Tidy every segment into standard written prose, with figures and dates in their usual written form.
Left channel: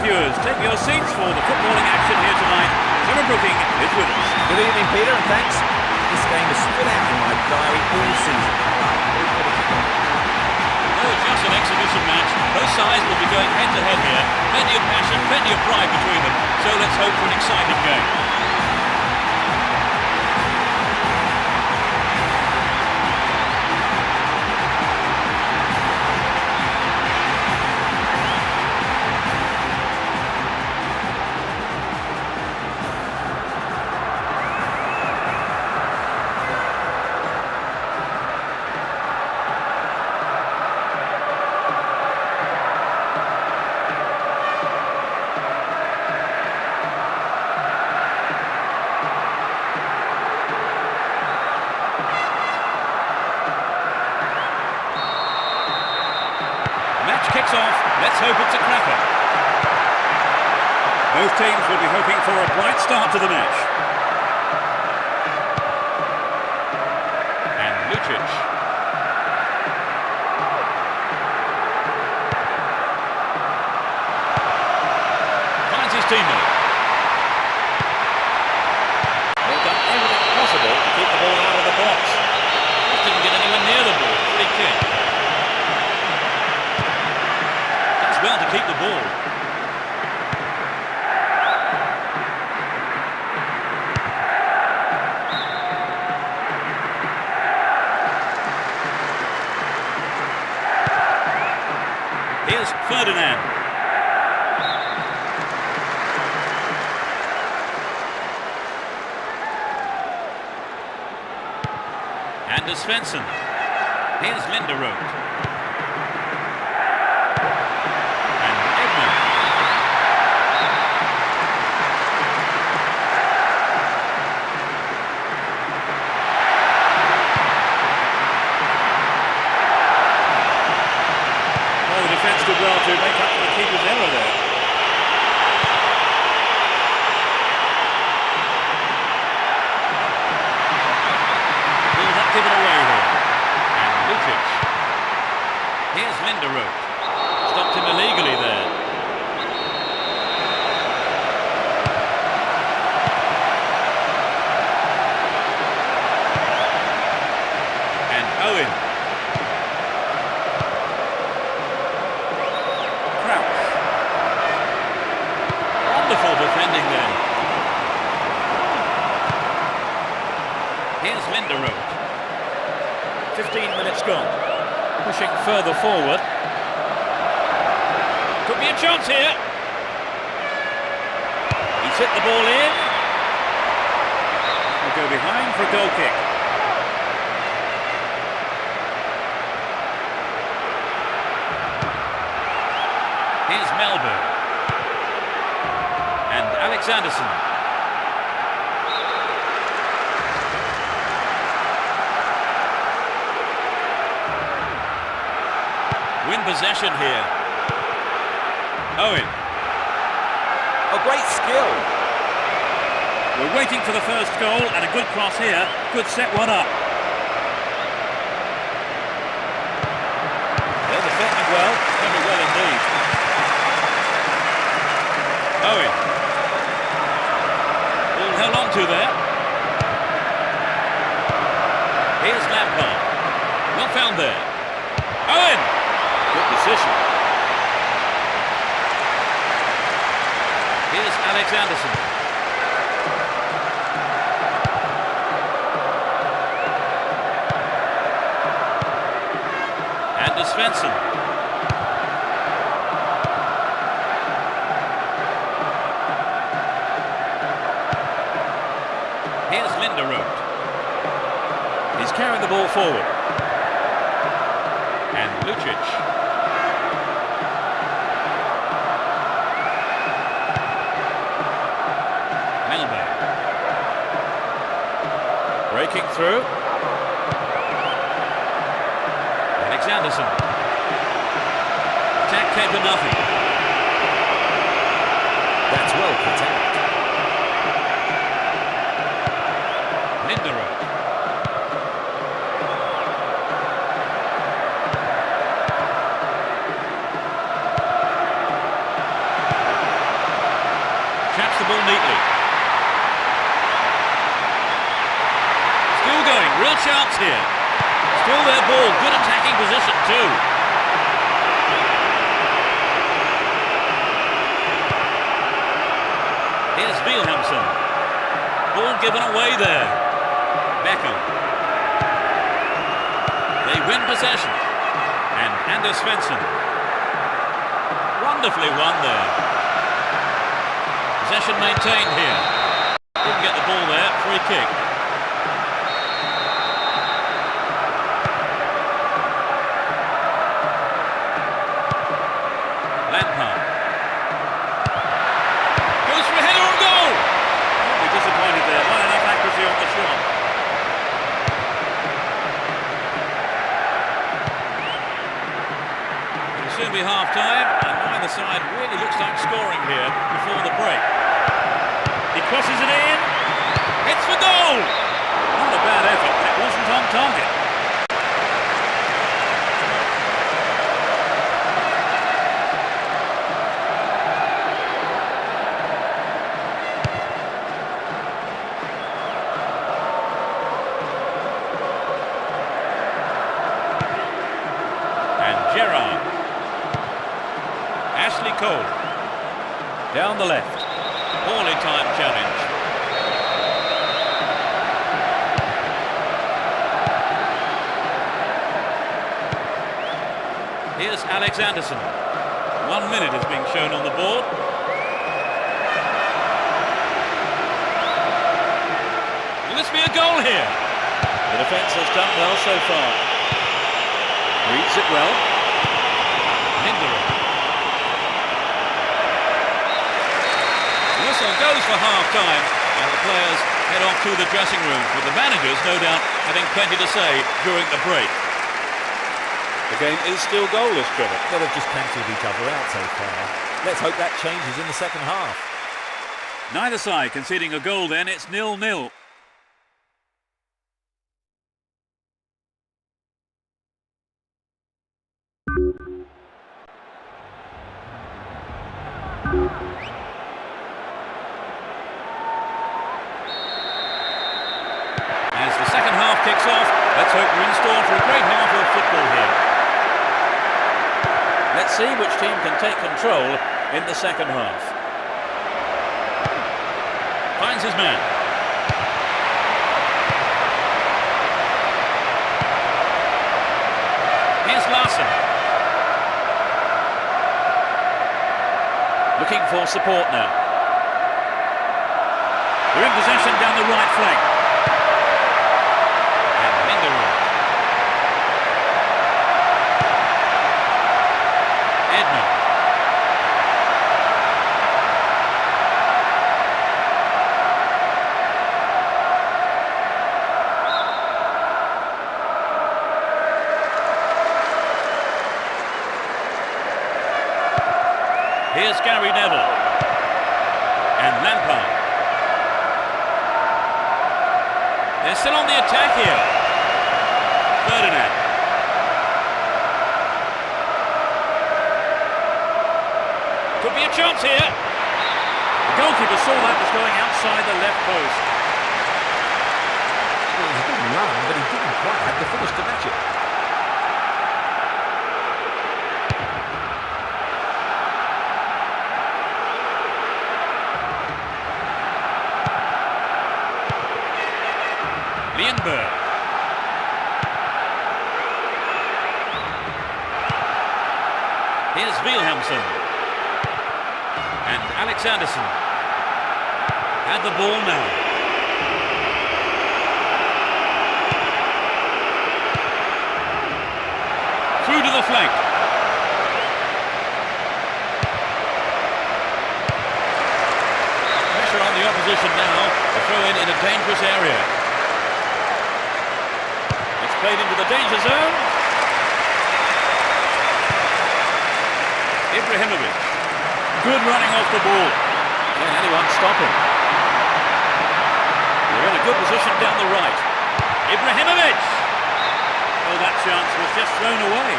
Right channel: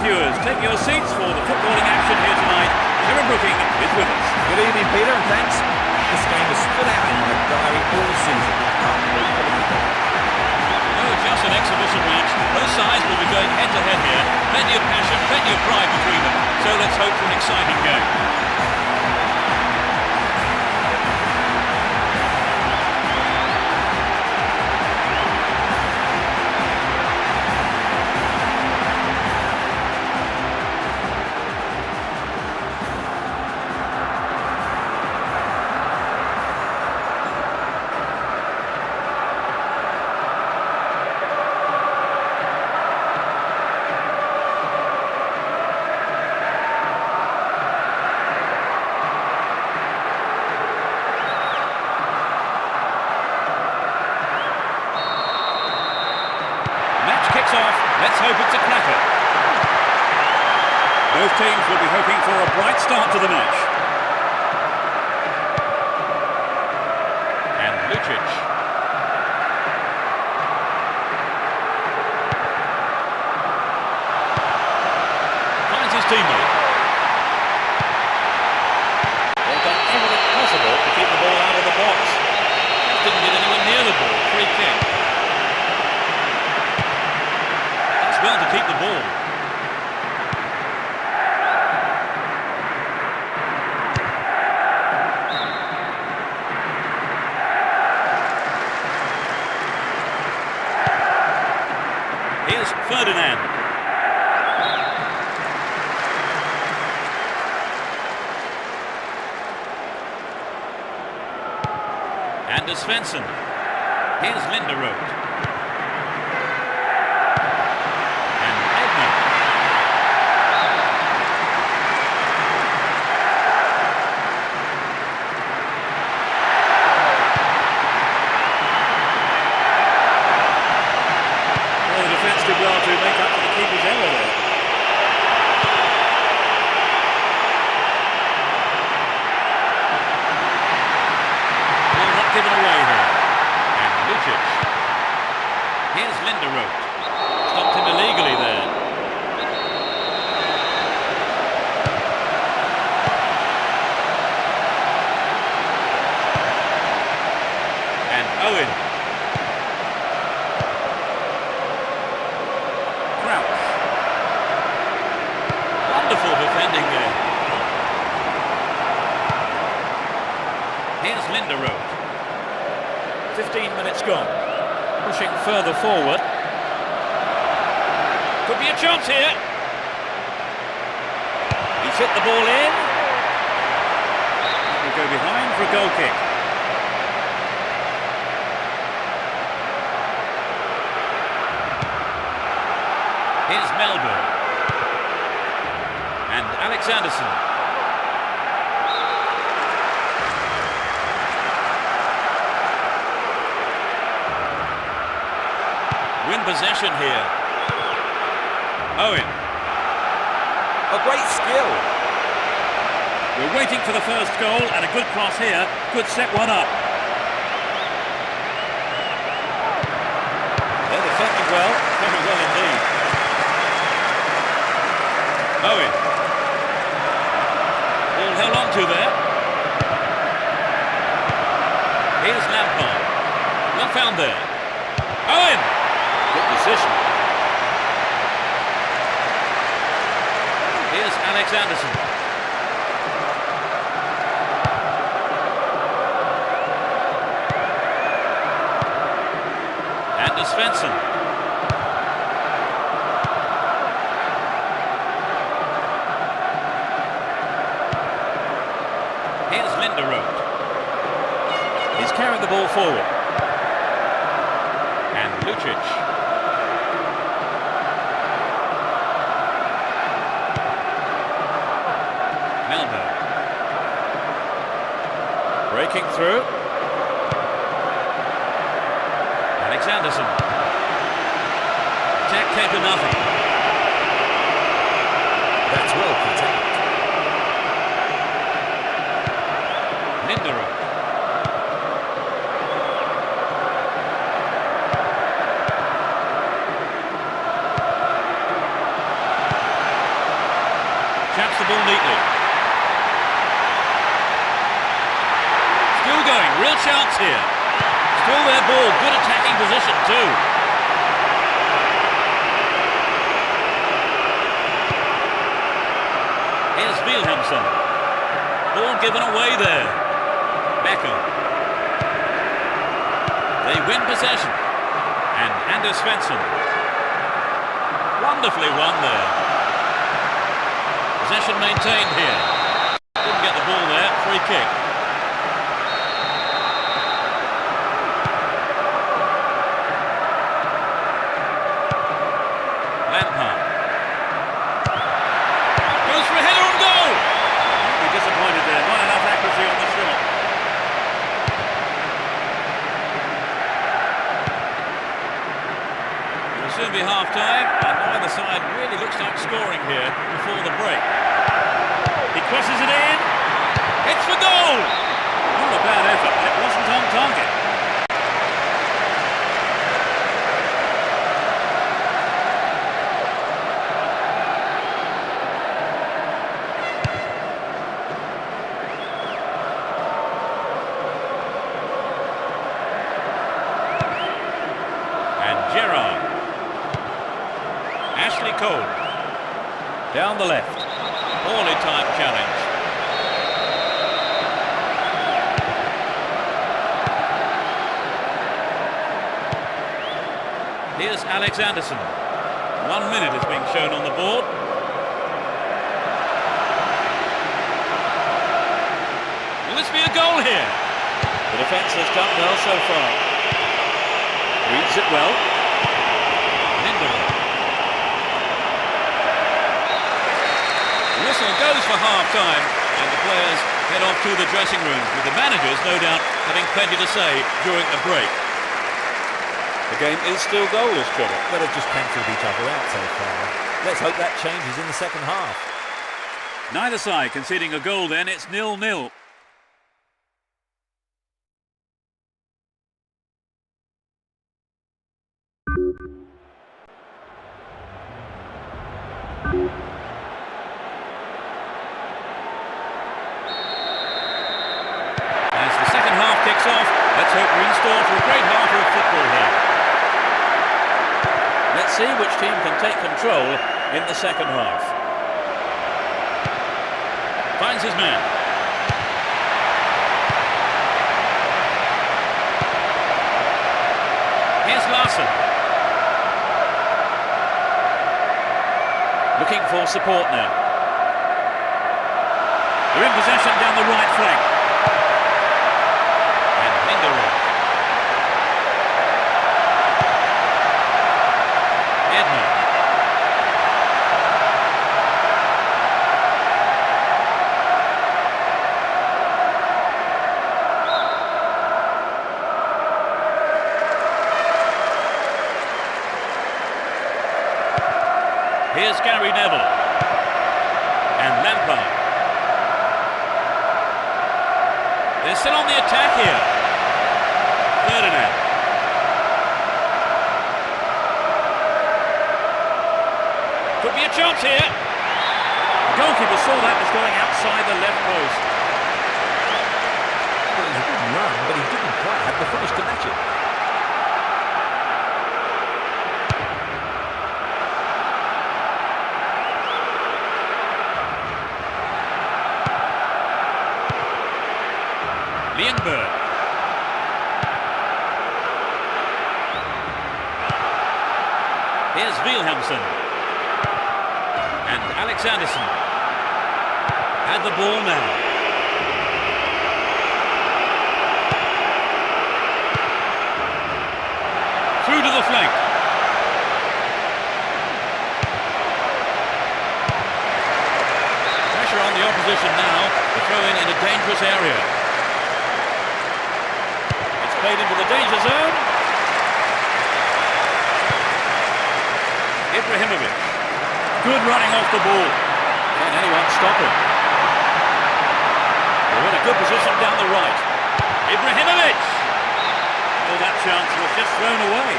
viewers, take your seats for the footballing action here tonight. Trevor Brooking is with us. Good evening, Peter, and thanks. This game has stood out in my diary all season. I can't wait for the kickoff. No, just an exhibition match. Both sides will be going head-to-head here. Plenty of passion, plenty of pride between them. So let's hope for an exciting game. Kicks off. Let's hope it's a cracker. Both teams will be hoping for a bright start to the match. And Lucic. Finds his teammate. They've done everything possible to keep the ball out of the box. Just didn't get anywhere near the ball. Free kick. Well to keep the ball. Here's Ferdinand. And Svensson. Here's Linderoth. The defence did well to make up for the keeper's error there. Ball not given away here. And Lucic. Here's Linderoth. Stopped him illegally there. And Owen. Wonderful defending there. Here's Linderoth. 15 minutes gone. Pushing further forward. Could be a chance here. He's hit the ball in. That will go behind for a goal kick. Here's Melbourne. And Alexanderson. Win possession here. Owen. A great skill. We're waiting for the first goal, and a good cross here could set one up. They're defending well, very well indeed. Owen. Ball held on to there. Here's Lampard. Well found there. Owen! Good decision. Here's Alexanderson. And Svensson. Here's Linderoth. He's carrying the ball forward. And Lucic. Melbourne. Breaking through. Alexanderson. Attack came to nothing. That's well put out. Linderoth. the ball neatly. Still going, real chance here. Still their ball, good attacking position too. Here's Wilhelmsen. Ball given away there. Beckham. They win possession. And Anders Svensson. Wonderfully won there. Possession maintained here. Didn't get the ball there. Free kick. Lampard. Goes for a header on goal. Won't be disappointed there. Not enough accuracy on the shot. It'll soon be half-time, and neither side really looks like scoring here before the break. He crosses it in. Hits for goal. Not a bad effort, but it wasn't on target. And Gerrard. Ashley Cole. Down the left. Poorly timed challenge. Here's Alex Anderson. 1 minute is being shown on the board. Will this be a goal here? The defence has done well so far. Reads it well. Linderoth. The whistle goes for half-time, and the players head off to the dressing rooms, with the managers, no doubt, having plenty to say during the break. The game is still goalless, Trevor. Well, they've just cancelled each other out so far. Let's hope that changes in the second half. Neither side conceding a goal then, it's 0-0. As the second half kicks off, let's hope we're in store for a great half of football here. Let's see which team can take control in the second half. Finds his man. Here's Larson. Looking for support now. They're in possession down the right flank. And Linderoth. Edmund. Here's Gary Neville. And Lampard. They're still on the attack here. Ferdinand. Could be a chance here. The goalkeeper saw that was going outside the left post. Well, it was a good run, but he didn't quite have the finish to match it. Lienberg. Here's Wilhelmsen. And Alex Anderson. Had the ball now. Through to the flank. Pressure on the opposition now. The throw in a dangerous area. It's played into the danger zone. Ibrahimovic. Good running off the ball. Can anyone stop him? They're in a good position down the right. Ibrahimovic! Oh, that chance was just thrown away.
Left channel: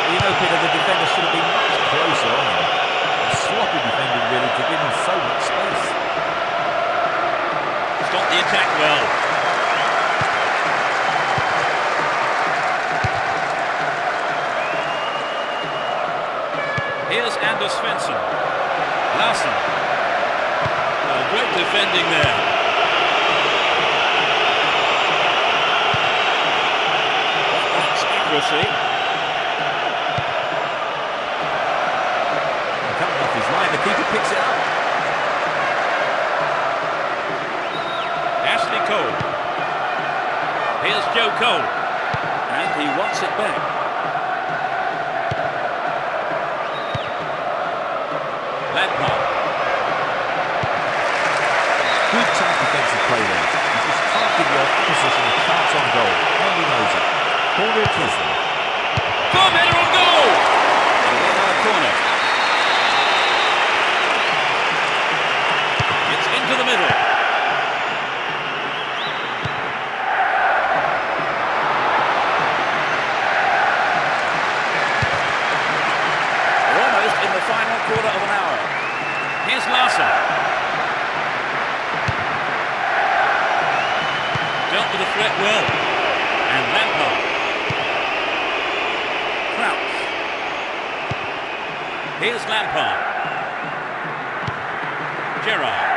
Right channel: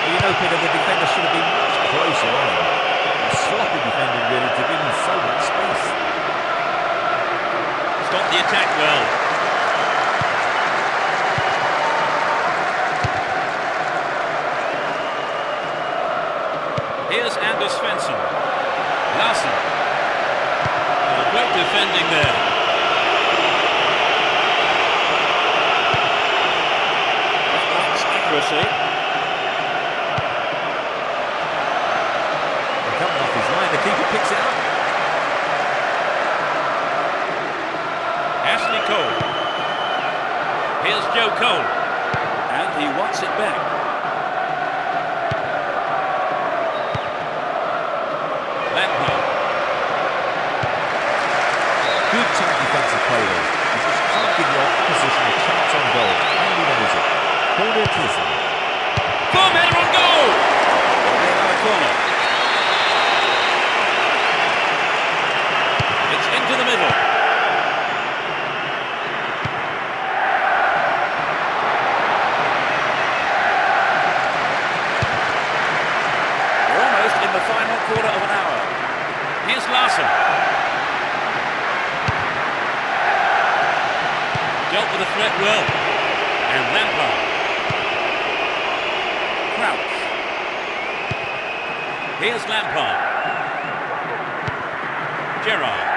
Well, you know, Peter, the defender should have been much closer on him. sloppy defending really to give him so much space. Stop the attack well. Here's Anders Svensson. Larsen. Oh, great defending there. That lacks accuracy. And coming off his line, the keeper picks it up. Ashley Cole. Here's Joe Cole. And he wants it back. Lampard. Good tight defensive play there. You just can't give your opposition a chance on goal. And he knows it. Corner it is then. Boom, header on goal! There'll be another corner. It's into the middle. We're almost in the final quarter of an hour. Here's Larsen. Dealt with the threat well. And Lampard. Crouch. Here's Lampard. Gerrard.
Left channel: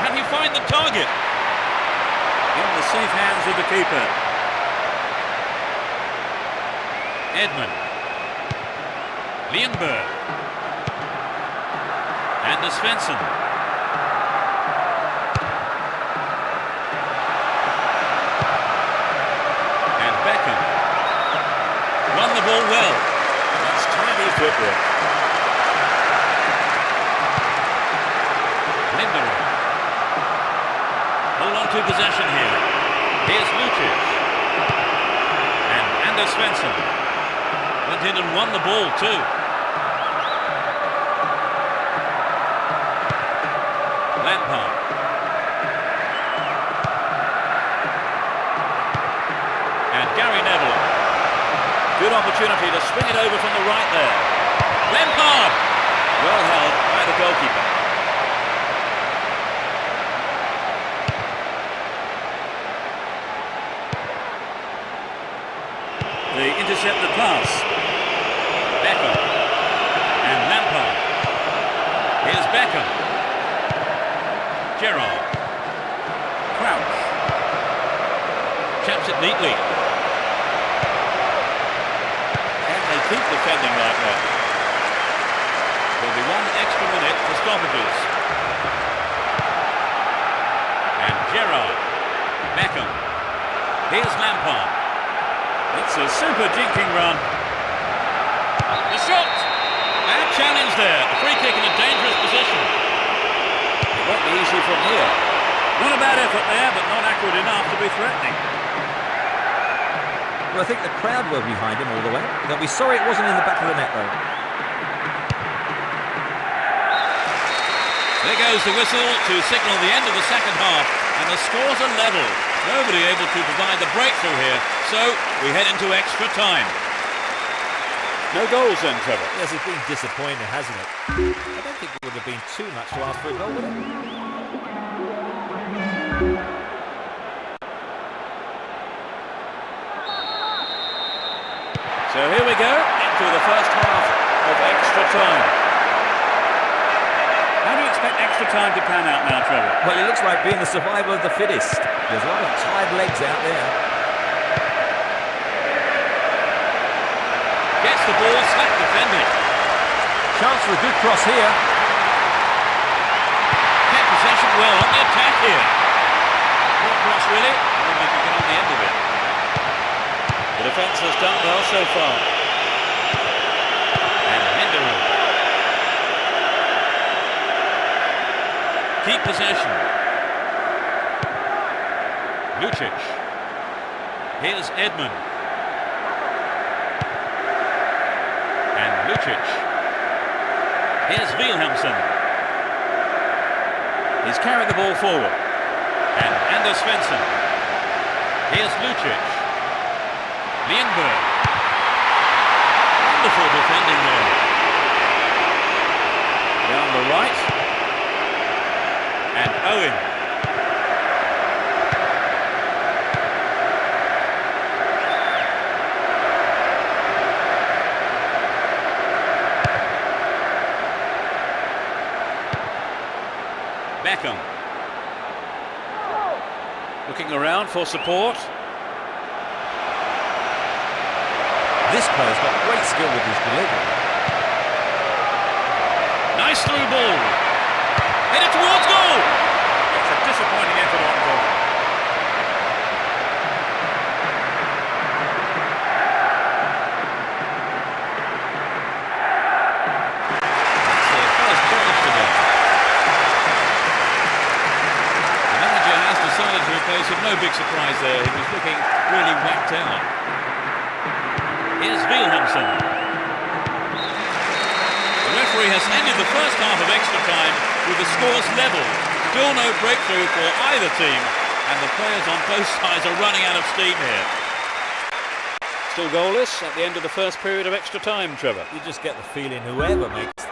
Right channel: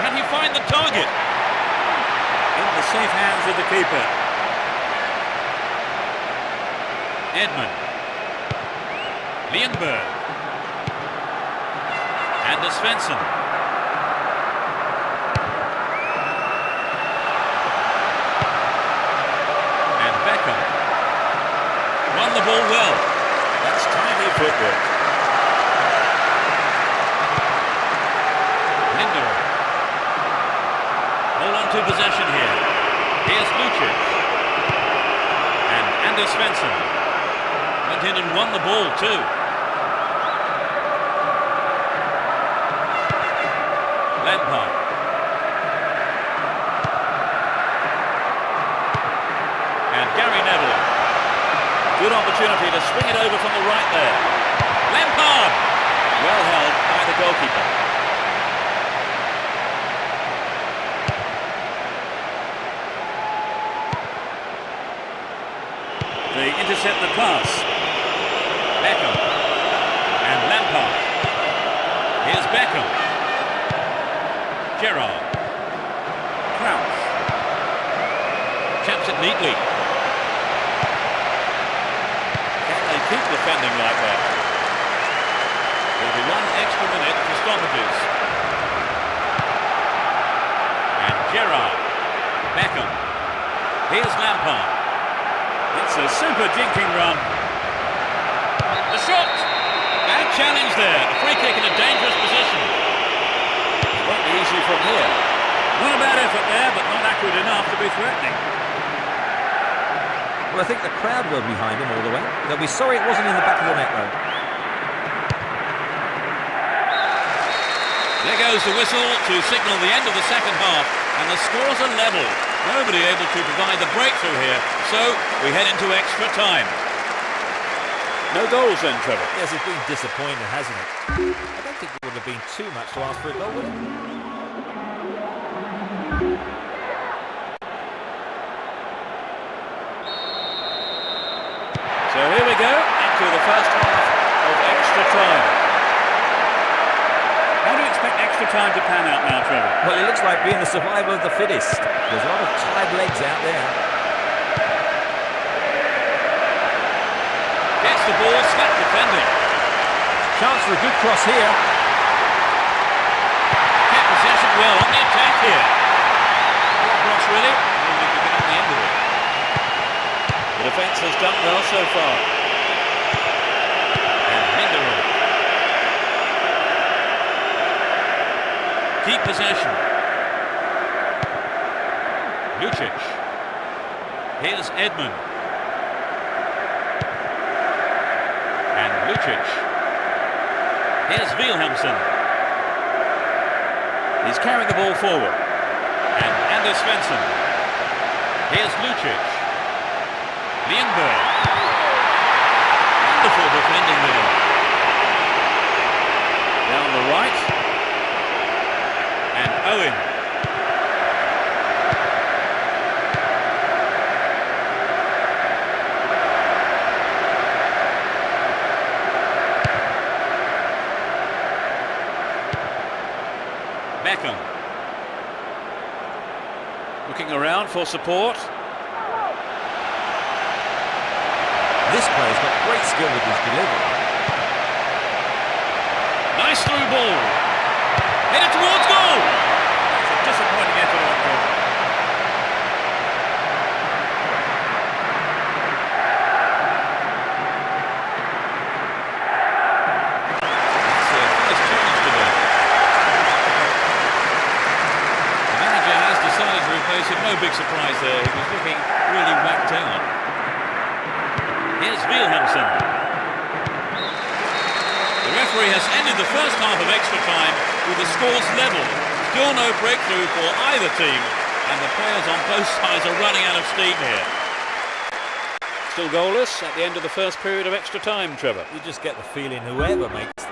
Can he find the target? In the safe hands of the keeper. Edmund. Lienberg. Anders Svensson. And Beckham. Won the ball well. That's tidy footwork. Lindelof. Hold on to possession here. Here's Lucic. And Anders Svensson. Went in and won the ball too. Lampard. And Gary Neville. Good opportunity to swing it over from the right there. Lampard! Well held by the goalkeeper. They intercept the pass. Beckham. And Lampard. Here's Beckham. Gerrard. Crouch. Chaps it neatly. Can they keep defending like that? There'll be 1 extra minute for stoppages. And Gerrard. Beckham. Here's Lampard. It's a super jinking run. The shot! Bad challenge there. A free kick in a dangerous position. It won't be easy from here. Not a bad effort there, but not accurate enough to be threatening. Well, I think the crowd were behind him all the way. They'll be sorry it wasn't in the back of the net, though. There goes the whistle to signal the end of the second half, and the scores are level. Nobody able to provide the breakthrough here, so we head into extra time. No goals then, Trevor. Yes, it's been disappointing, hasn't it? I don't think it would have been too much to ask for a goal, would it? So here we go, into the first half of extra time. How do you expect extra time to pan out now, Trevor? Well, it looks like being the survival of the fittest. There's a lot of tired legs out there. Gets the ball, slack defending. Chance for a good cross here. Kept possession well on the attack here. Poor cross really, nobody could get on the end of it. The defence has done well so far. And Lindelof. Keep possession. Lucic. Here's Edmund. And Lucic. Here's Wilhelmsen. He's carried the ball forward. And Anders Svensson. Here's Lucic. Lienberg. And Wonderful defending there. Down the right. And Owen. Beckham. Looking around for support. This player's got great skill with his delivery. Nice through ball. Headed towards goal. That's a disappointing effort on goal. That's their first challenge today. The manager has decided to replace him. No big surprise there. He was looking really whacked out. Here's Wilhelmsen. The referee has ended the first half of extra time with the scores level. Still no breakthrough for either team, and the players on both sides are running out of steam here. Still goalless at the end of the first period of extra time, Trevor. You just get the feeling whoever makes them.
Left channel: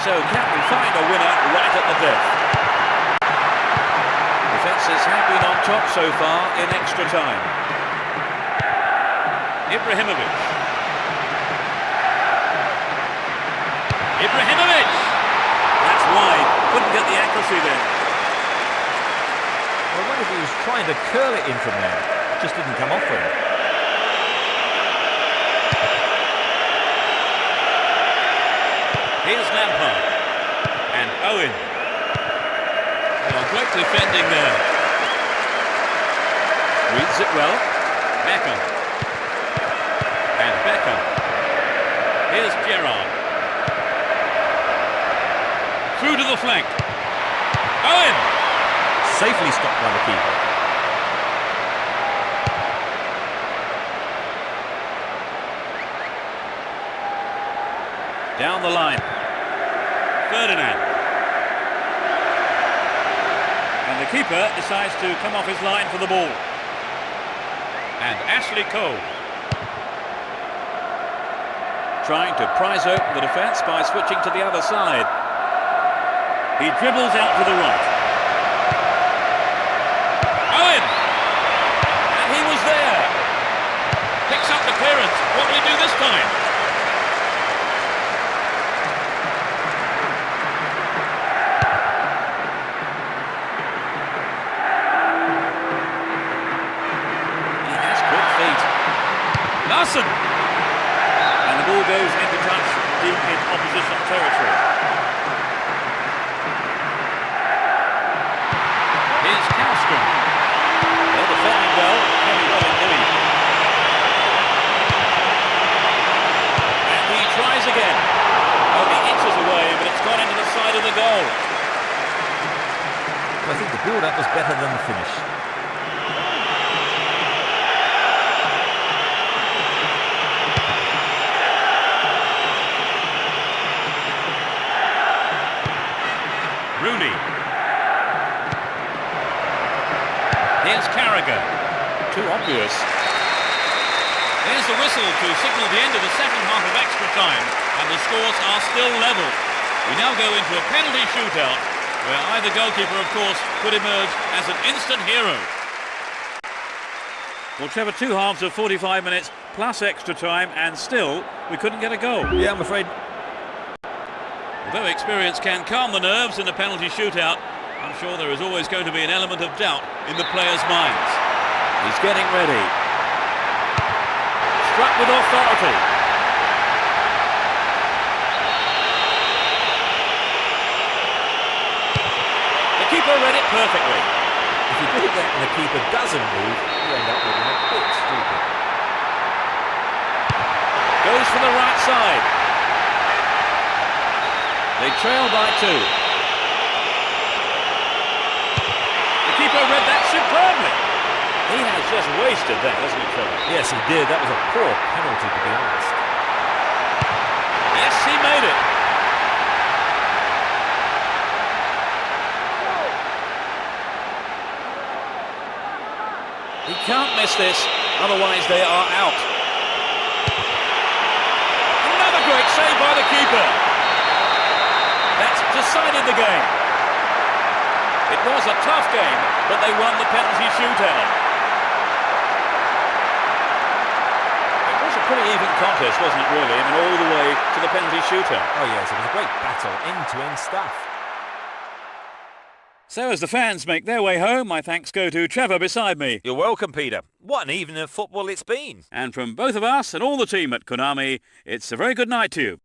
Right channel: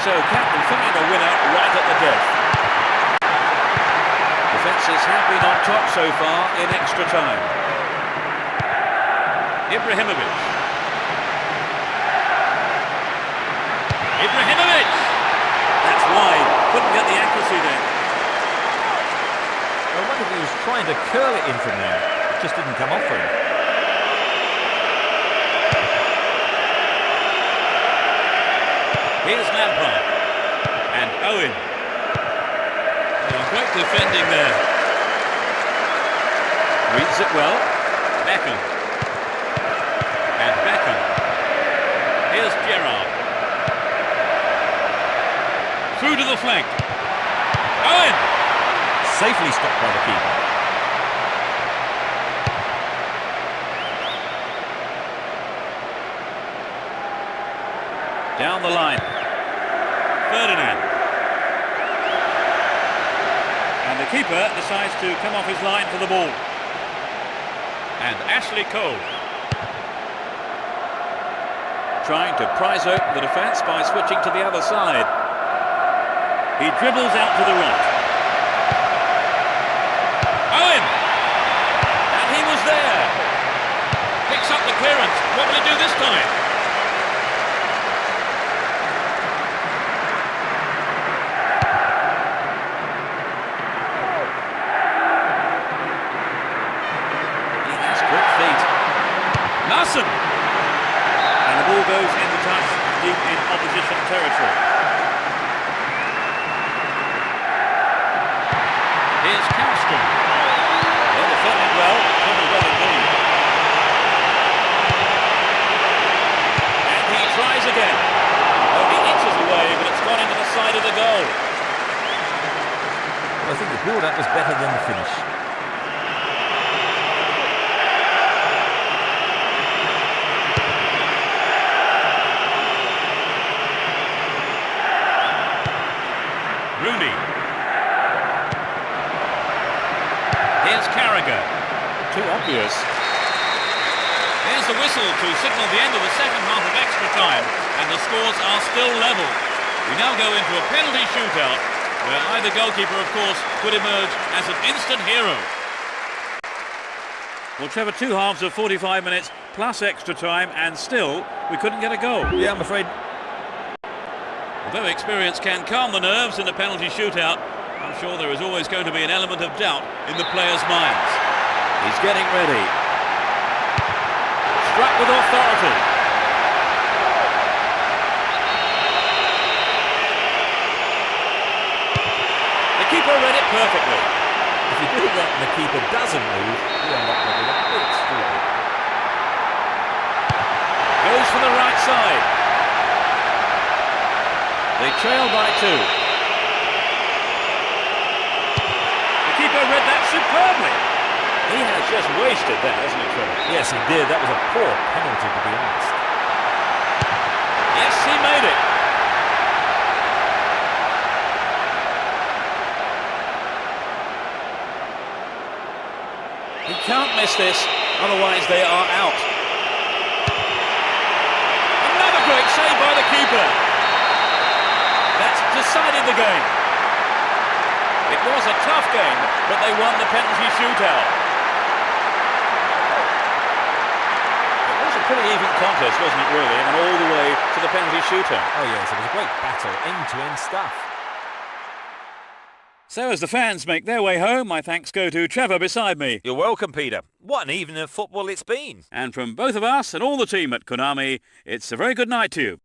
So can we find a winner right at the death? Defences have been on top so far in extra time. Ibrahimovic. Ibrahimovic! That's wide. Couldn't get the accuracy then. I wonder if he was trying to curl it in from there. It just didn't come off for him. Here's Lampard. And Owen. Oh, great defending there. Reads it well. Beckham. And Beckham. Here's Gerrard. Through to the flank. Owen! Safely stopped by the keeper. Down the line. Ferdinand. And the keeper decides to come off his line for the ball. And Ashley Cole. Trying to prise open the defence by switching to the other side. He dribbles out to the right. Owen! And he was there. Picks up the clearance. What will he do this time? Larson! And the ball goes into touch deep in opposition territory. Here's Kallstrom. They're defending well, very well indeed. And he tries again. Only inches away, but it's gone into the side of the goal. Well, I think the build-up was better than the finish. Rooney. Here's Carragher. Too obvious. There's the whistle to signal the end of the second half of extra time, and the scores are still level. We now go into a penalty shootout, where either goalkeeper, of course, could emerge as an instant hero. Well, Trevor, two halves of 45 minutes plus extra time, and still we couldn't get a goal. Yeah, I'm afraid. Although experience can calm the nerves in a penalty shootout, I'm sure there is always going to be an element of doubt in the players' minds. He's getting ready. Struck with authority. The keeper read it perfectly. If you do that and the keeper doesn't move, you end up looking a bit stupid. Goes for the right side. They trail by 2. The keeper read that superbly. He has just wasted that, hasn't he, Trevor? Yes, he did. That was a poor penalty, to be honest. Yes, he made it. He can't miss this. Otherwise, they are out. Another great save by the keeper. That's decided the game. It was a tough game, but they won the penalty shootout. It was a pretty even contest, wasn't it, really? I mean, all the way to the penalty shootout. Oh yes, it was a great battle, end-to-end stuff. So as the fans make their way home, my thanks go to Trevor beside me. You're welcome, Peter. What an evening of football it's been. And from both of us and all the team at Konami, it's a very good night to you.